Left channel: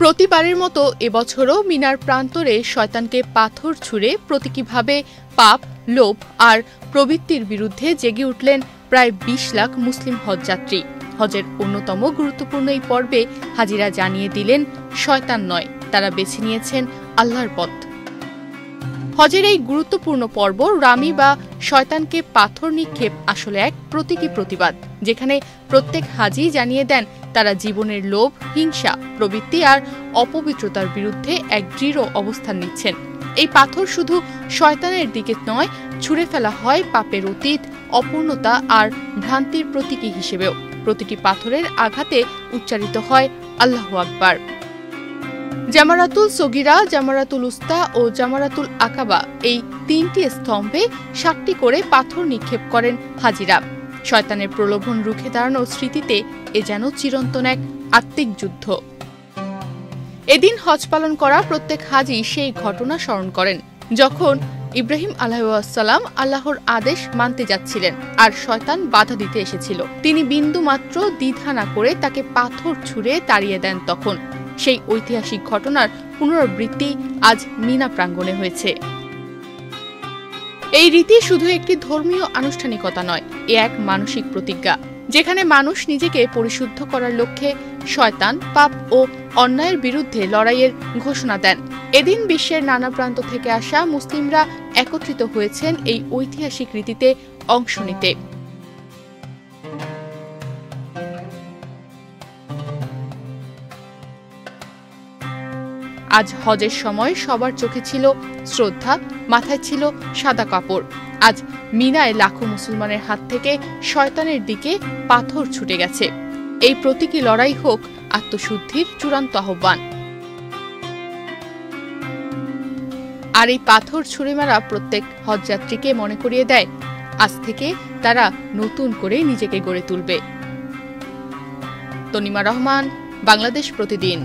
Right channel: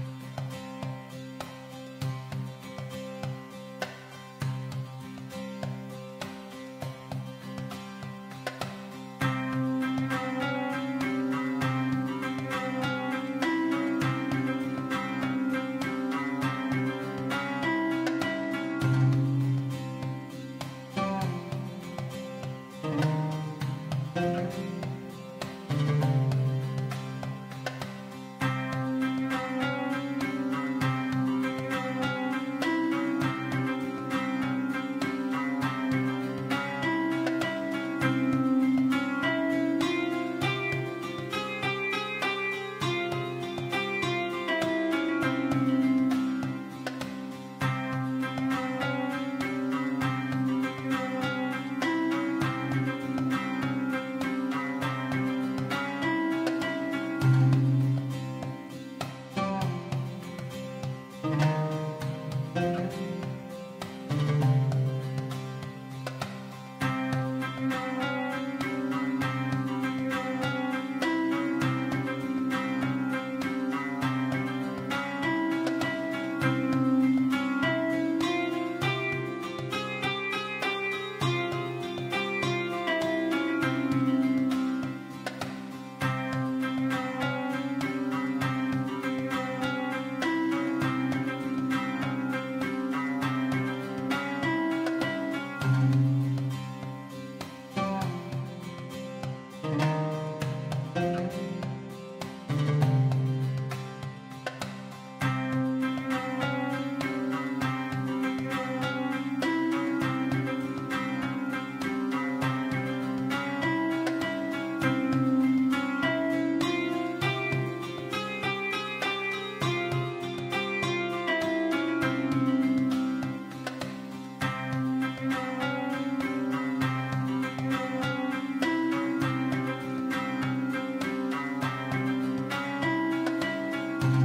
প্রতিবারের মতো এবছরও মিনার প্রান্তরে শয়তানকে পাথর ছুঁড়ে প্রতীকীভাবে পাপ, লোভ আর প্রবৃত্তির বিরুদ্ধে জেগে উঠলেন প্রায় ২০ লাখ মুসলিম হজযাত্রী। হজের অন্যতম গুরুত্বপূর্ণ এই পর্বে হাজিরা জানিয়ে দিলেন শয়তান নয়, তারা বেছে নিয়েছেন আল্লাহর পথ। হজের এই গুরুত্বপূর্ণ পর্ব রামি বা শয়তানকে পাথর নিক্ষেপ আসলে এক প্রতীকী প্রতিবাদ, যেখানে প্রত্যেক হাজি জানিয়ে দেন তারা জীবনের লোভ, হিংসা, প্রবৃত্তি আর অপবিত্রতার বিরুদ্ধে এক দৃঢ় অবস্থান নিচ্ছেন। এই পাথর শুধু শয়তানের দিকে নয়, ছুঁড়ে ফেলা হয় পাপের অতীত, অপূর্ণতা আর ভ্রান্তির প্রতীকী হিসেবেও। প্রতিটি পাথরের আঘাতে উচ্চারিত হয় আল্লাহু আকবার। জামারাতুল সগীরা, জামারাতুল উস্তা ও জামারাতুল আকাবা এই ৩টি স্তম্ভে ৭টি করে পাথর নিক্ষেপ করেন হাজিরা। শয়তানের প্রলোভন রুখে দাঁড়ানোর স্মৃতিতে এ যেন চিরন্তন এক আত্মিক যুদ্ধ। এদিন হজ পালন করা প্রত্যেক হাজি সেই ঘটনা স্মরণ করেন, যখন ইব্রাহিম আলাইহিসসালাম আল্লাহর আদেশ মানতে যাচ্ছিলেন আর শয়তান বাধা দিতে এসেছিল। তিনি বিন্দুমাত্র দ্বিধা না করে তাকে পাথর ছুঁড়ে তাড়িয়ে দেন। তখন সেই ঐতিহাসিক ঘটনার পুনরাবৃত্তি আজ মিনা প্রাঙ্গণে হয়েছে। এই রীতি শুধু একটি ধর্মীয় আনুষ্ঠানিকতা নয়, এ এক মানসিক প্রতিজ্ঞা, যেখানে মানুষ নিজেকে পরিশুদ্ধ করার লক্ষ্যে শয়তান, পাপ ও অন্যায়ের বিরুদ্ধে লড়াইয়ের ঘোষণা দেন। এদিন বিশ্বের নানা প্রান্ত থেকে আসা মুসলিমরা একত্রিত হয়েছেন এই ঐতিহাসিক রীতিতে অংশ নিতে। আজ হজের সময় সবার চোখে ছিল শ্রদ্ধা, মাথায় ছিল সাদা কাপড়। আজ মিনায় লাখো মুসলমানের হাত থেকে শয়তানের দিকে পাথর ছুটে গেছে। এই প্রতীকী লড়াই হোক আত্মশুদ্ধির চূড়ান্ত আহ্বান। আর এই পাথর ছুঁড়ে মারা প্রত্যেক হজযাত্রীকে মনে করিয়ে দেয়, আজ থেকে তারা নতুন করে নিজেকে গড়ে তুলবে। তনিমা রহমান, বাংলাদেশ প্রতিদিন।